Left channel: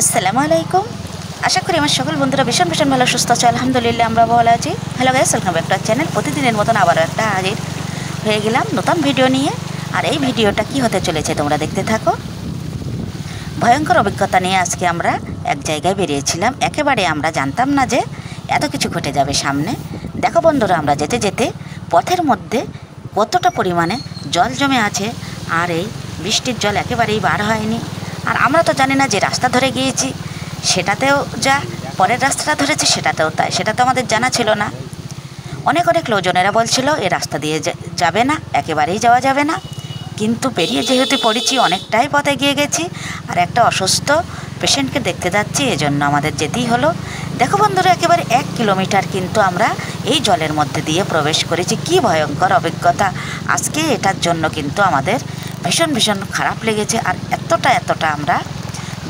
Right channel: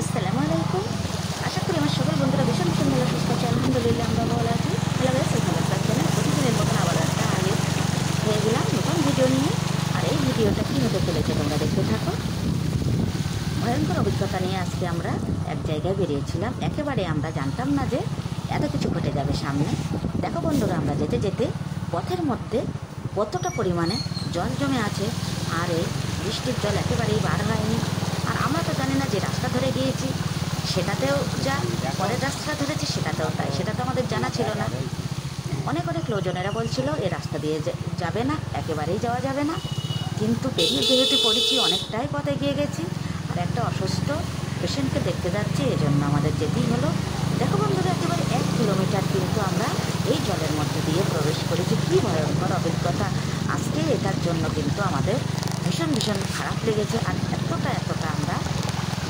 আসসালামু আলাইকুম। আশা করি আমার সকল বন্ধুরা ভীষণ ভীষণ ভালো সুস্থ আছে। আলহামদুলিল্লাহ আমরা ভালো আছি। Hello guys, welcome back to our channel. প্রতিদিনের মতন আবার একটা হাজির হয়ে গেলাম নতুন ভিডিও নিয়ে। আর এই ভিডিওটা কি হতে চলেছে তোমরা দেখতে থাকো। ভয়ঙ্কর অভিজ্ঞতা নিয়ে আজকে আমরা এক জায়গায় বেরিয়েছিলাম। একেবারে আমরা জানতাম না যে এত কিছু ঘটে যাবে সামনে। দেখো বন্ধুরা, আমরা যেতে যেতে পথের মধ্যে কতটা পরিমাণে জল জমে আছে। আর এই বৃষ্টির জল একেবারেই বার হয়নি। আর আমরা তো জানি না যে রাস্তা ধরে গিয়েছি সেটাতেও যা, পরের রাস্তাটা ধরেছি সেটাতেও তাই, সেটা তো আমাদের জানা ছিল না। অনেক অনেক লোকজনেরা বলছিল এ রাস্তা দিয়ে যাবে না, একেবারেই যাওয়া যাবে না। কিন্তু পেরিয়ে যেহেতু পড়েছি, অনেকটাই পথে গিয়ে গেছি। আর একটা অসুস্থ পেশেন্টকে দেখতে যাচ্ছি, এজন্য আমাদের যেতেই হলো। দেখো বন্ধুরা, একেবারে 1 কিলোমিটার কিন্তু আমরা এই জলের মধ্যে দিয়ে প্রবেশ করেছি। কি ভয়ঙ্কর অভিজ্ঞতা আজকে, এটার জন্য কিন্তু আমাদের ভীষণ ভীষণ খারাপ লেগেছে। আর এতটা আমরা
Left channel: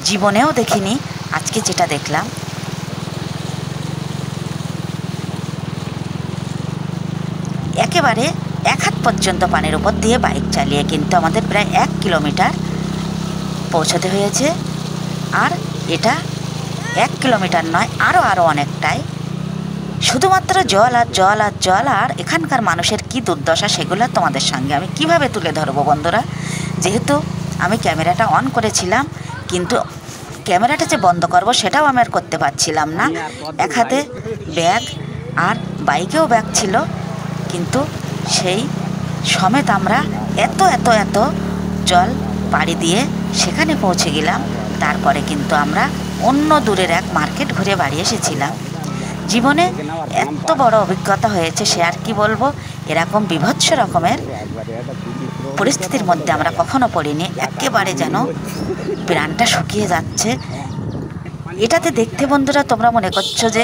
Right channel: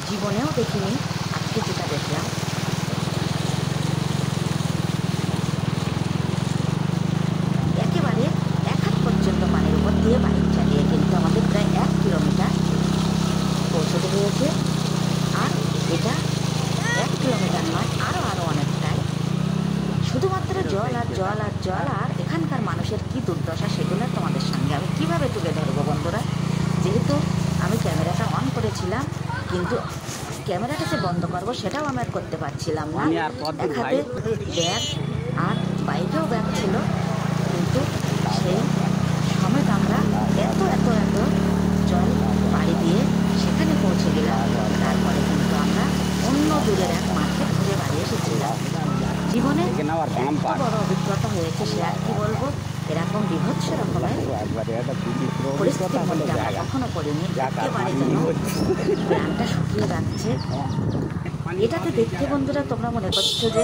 জীবনেও দেখিনি আজকে যেটা দেখলাম। একেবারে 1 হাত পর্যন্ত পানির উপর দিয়ে বাইক চালিয়ে কিন্তু আমাদের প্রায় 1 কিলোমিটার পৌঁছতে হয়েছে। আর এটা 1 কিলোমিটার নয়, আরও অনেকটাই। শুধুমাত্র জল আর জল আর জল। আর এখানকার মানুষের কি দুর্দশা সেগুলো তোমাদের সঙ্গে আমি কিভাবে তুলে ধরবো বন্ধুরা। যেহেতু আমি ক্যামেরাটা অন করেছিলাম, কিন্তু ক্যামেরাটা যে বন্ধ করব সেটাও আমি আর করতে পারছিলাম না। এক হাতে ব্যাগ আর বাইকেও ব্যাগ ছিল, কিন্তু সেই সমেত আমরা এত জল পাড়ি দিয়ে সেখানে পৌঁছে গেলাম। তারপরে কিন্তু আমরা অন্য দূরের এক মার্কেট ঘুরে বাড়ি এসেছিলাম। জীবনে এত বড় অভিজ্ঞতা হয়েছে সে আর কি বলবো। এরকম বিভৎস রকমের পরিস্থিতির মধ্যে আমরা কখনো পড়িনি। একেবারে যেন প্রাণটা শুকিয়ে যাচ্ছে। এটাতে দেখতে বন্ধুরা তোমরা মনে করছো যে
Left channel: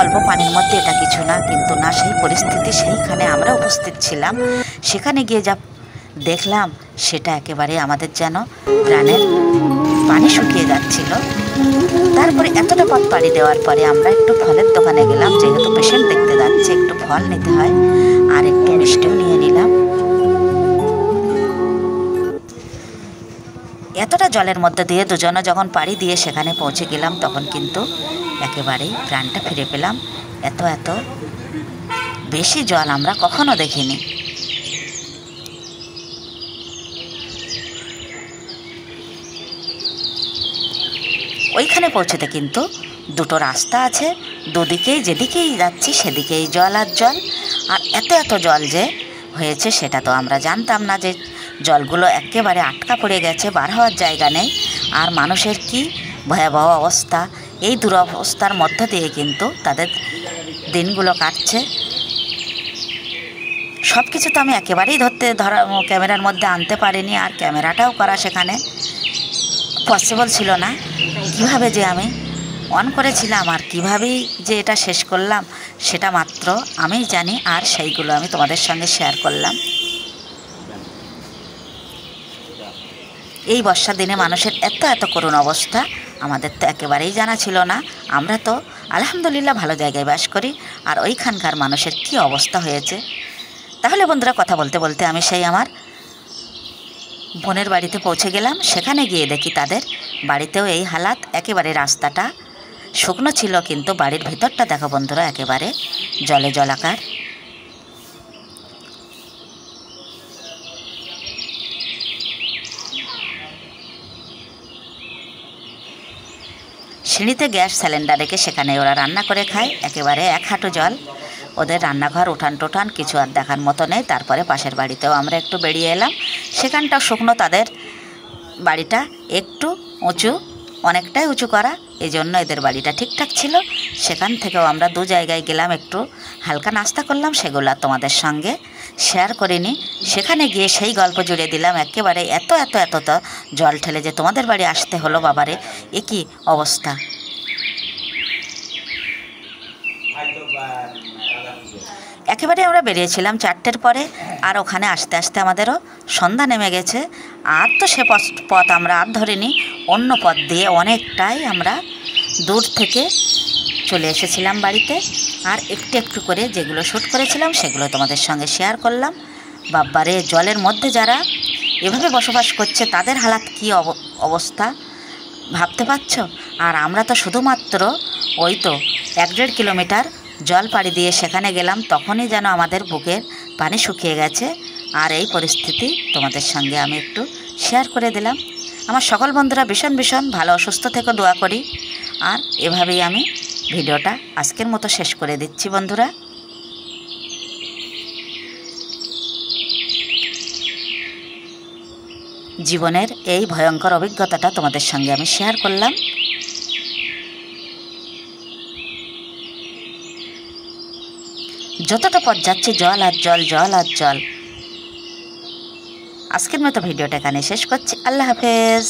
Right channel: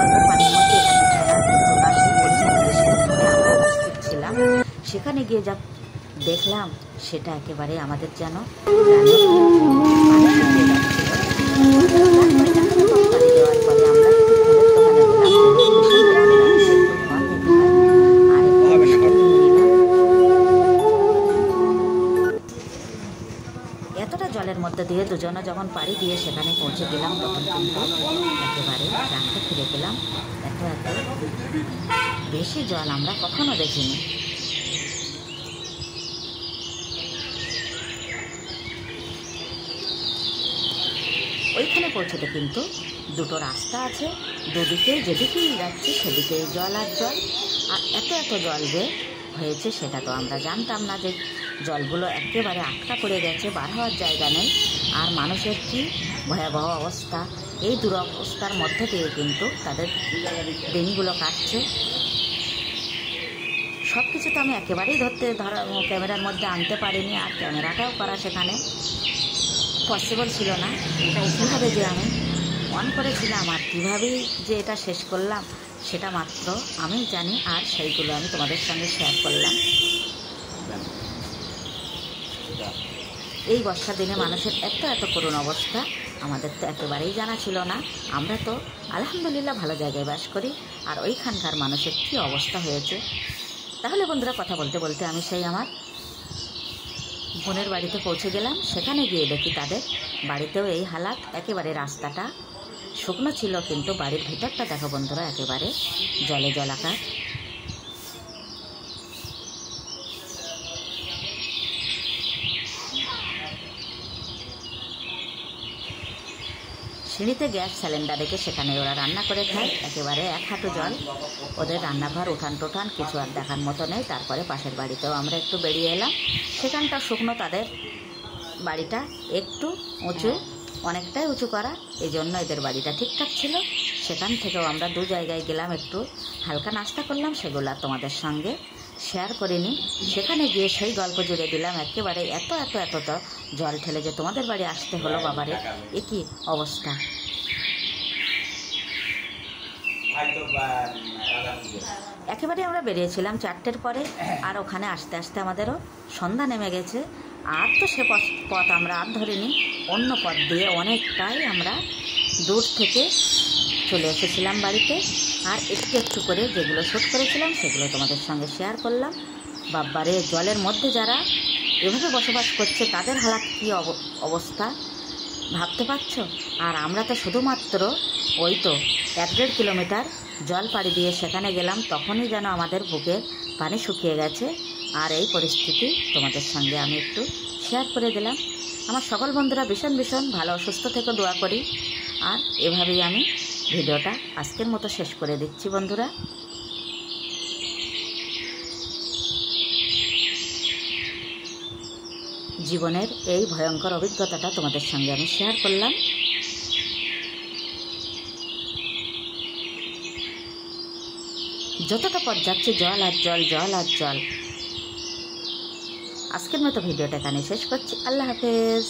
অল্প পানির মধ্যে এটা কিছু না, কিন্তু না, সেই পরিস্থিতি সেইখানে আমরা উপস্থিত ছিলাম। সেখানে গিয়ে যা দেখলাম সেটা একেবারে আমাদের যেন প্রাণের পানি শুকিয়ে যাচ্ছিল। তারপরে এতটা পথ পাড়ি দেওয়ার পরে আমরা একটু ফলের দোকানে গেলাম। যেহেতু পেশেন্ট দেখতে যাচ্ছে, একটু ফল নিতে হয়, আর একটু মিষ্টি নিয়ে নিলাম। এতটা জলের মধ্যে দিয়ে দুজনে যখন পাড়ি দিয়ে সেখানে পৌঁছে গেলাম, তখন কিন্তু একেবারেই প্রাণটা ফিরে পেলাম। এত বেশি জল আমরা কখনো দেখিনি। ওইখানে পৌঁছতে কিন্তু দুটো রাস্তা আছে, দুদিকেই যেদিকেই যাচ্ছি সেদিকেই জল আর জল। আর এত জল যে হয়েছে সেটা তো আমরা জানতাম না, যে জলগুলো একেবারে আটকা পড়ে গেছে, বার হওয়ার জায়গা নেই। আর মানুষের কি ভয়াবহ অবস্থা, এই দুরবস্থার মধ্যে দিয়ে কিন্তু তাদের দিনগুলো কাটছে। সব কিছু তো আমি একেবারেই ক্যামেরার মধ্যে আনতে পারিনি, আর ক্যামেরাটাও করা সেখানে পসিবল ছিল না। কীভাবে যে আমি অন করেছিলাম আর কীভাবেই যে এটা শেষ করলাম সেটা মাত্র আমিই জানি। আর সেইগুলো আমি তোমাদের সঙ্গে শেয়ার করলাম। এই বর্ষার দিনে মানুষের এত করুণ অবস্থা আমাদের তো একেবারেই জানা ছিল না। আমরা তো আলহামদুলিল্লাহ ভালো জায়গায় বাস করি, আর ওইখানকার মানুষের কি অবস্থা হয়েছে। তাহলে বন্ধুরা, কথা বলতে বলতে আমি সেই আমার বোনের বাড়িতে পৌঁছে গেলাম। সেখানে গিয়ে দেখি তাদের বাড়িতেও এই হালাত। একেবারে রাস্তাটা শুকনো ছিল, কিন্তু বাড়ির ভিতরটা দেখো বন্ধুরা একেবারে জলে জলাকার। সিঁড়িতে গ্যাস সিলিন্ডার রেখে সেখানে ওরা রান্না করে খায়। একেবারে 1 হাঁটু জল। ওদের রান্নাঘর উঠান টোঠান কিছু আর দেখার মতো নেই। তারপরে পাশের বাড়িতেও আমরা একটু বেরিয়ে এলাম। সেখানটাও শুকনো, তাদের বাড়িটা একটু উঁচু, অনেকটাই উঁচু করা, এই জন্য এদের বাড়িটা ঠিকঠাক ছিল। সেখান থেকেও আমরা 2 জায়গায় গেলাম, একটু হালকা নাস্তা করলাম, সেগুলো তোমাদের সঙ্গে শেয়ার করিনি। সেখানে গিয়ে সেই গল্প জুড়ে দিলাম। একেবারে এত জল ঠেলে যে তোমাদের বাড়ি আসতে হলো, বাবারে এ কি অবস্থা। একেবারে আমরা বেরিয়েছিলাম 4টের পরে, আর ওখানে আসতে আসতে আমাদেরও সন্ধ্যা নেমে গেছে। আর তো সে পথ আমরা আর ধরিনি, অন্য পথ দিয়ে অনেকটাই আমরা দূর থেকে চলে এসেছিলাম বাড়িতে। আর একটু করে যেগুলো শ্যুট করেছিলাম সেগুলো তোমাদের সঙ্গে শেয়ার করলাম। বাব্বারে, জলের মধ্যে যারা এভাবে বসবাস করছে তাদের হালাত কী অবস্থা। ভাবতে পারছো? আর আমরা তো শুধুমাত্র ওই তো 1-1.5 কিলোমিটার জল পাড়ি দিয়ে সেখানে গেলাম, তখনই যেন আমাদের বুকের পানি শুকিয়ে গেছে। আর এই পরিস্থিতি তোমাদের সঙ্গে আমি একটু শেয়ার করে দিলাম। আমার সকল বন্ধুরা ভীষণ ভীষণ ভালো সুস্থ থেকে দোয়া করি। আর এভাবেই আমি ভিডিওটা আজকের মতো শেষ করে দিচ্ছি বন্ধুরা। জীবনের এই ভয়ঙ্কর অভিজ্ঞতাটা তোমাদের সঙ্গে আমি শেয়ার করলাম। যতটা পথ যাচ্ছে জল আর জল, জল আর জল। আজকের মতো ভিডিওটা এখানে শেষ করছি। আল্লাহ হাফেজ।